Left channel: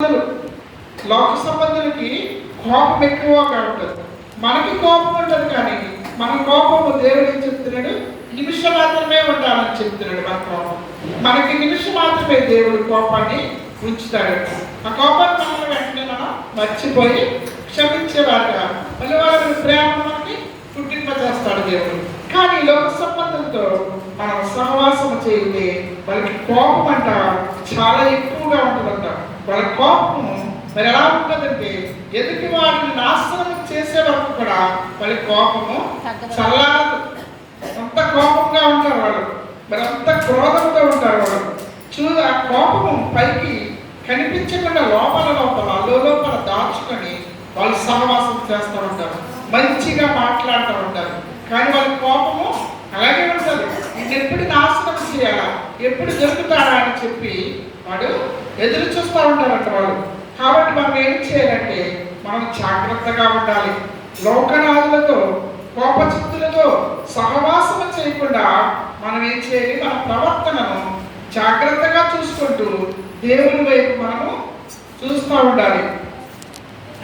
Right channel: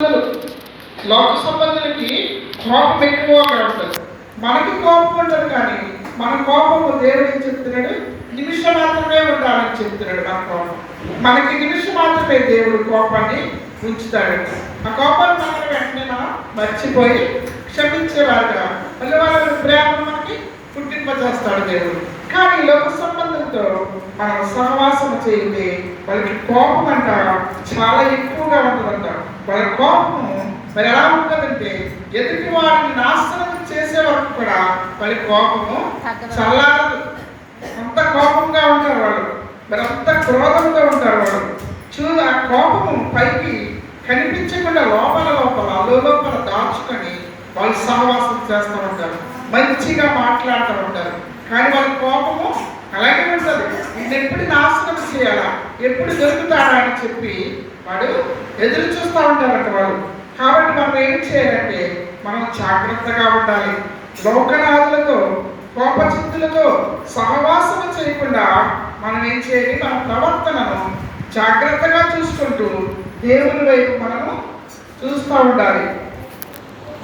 లోక సంబంధులకి కోపం ఎక్కువగా ఉంటుంది. మనకి కోపం ఉంటుంది, కానీ మన కోపము దేవుడు ఏం చెప్తున్నాడు? నిమిషం మాత్రమే ఉండాలని చెప్తున్నాడు. మన కోపం మనకి నిమిషం మాత్రమే దేవుడు కోపాన్ని ఉంచుతాడంట. ఆ కోపాన్ని మనం వెంటనే మనం మర్చిపోయి క్షమించేవారుగా మళ్ళీ వాళ్ళ ప్రేమ మనకి పుట్టింపజేస్తాడు దేవుడు. కానీ లోక సంబంధంతో మనం సహవాసం చేయండి, వాళ్ళకి కోపం అంట చాలా ఎక్కువగా ఉంటుందంట. వాళ్ళ కోపము మరి ఎలా ఉంటుందంటే ఎదుటి వారిని నాశనం చేసే వరకు కూడా వాళ్ళ కోపము చల్లారదు. అంత కోపంగా ఉంటారు వాళ్ళు, మరి అంత క్రోధంతో ఉంటారు వాళ్ళు. ఆ కోపము పైకి కనిపించకుండా లోపల దాచుకొని వాళ్ళు సహవాసం చేస్తూ ఉంటారు, మంచిగా మాట్లాడుతూ ఉంటారు. కానీ వాళ్ళ కోపము అలాగే ఉంటుంది. ఇది ఎప్పుడు నాశనం చేయాలా, ఎప్పుడు దొరుకుతాడా అని చెప్పి వాడు ఎదురు చూస్తూ ఉంటారంట వాళ్ళు. కాబట్టి మనం ఏం చేయాలంటే మనం జాగ్రత్తగా ఉండాలి. లోకనాథులతో కోపచిత్తులతో సహవాసం చేయకుండా మనం ఏం చేయాలి? మన ప్రవర్తనను జాగ్రత్తగా చూసుకుంటూ దేవుని వైపు మనము చూస్తూ ఉండాలి.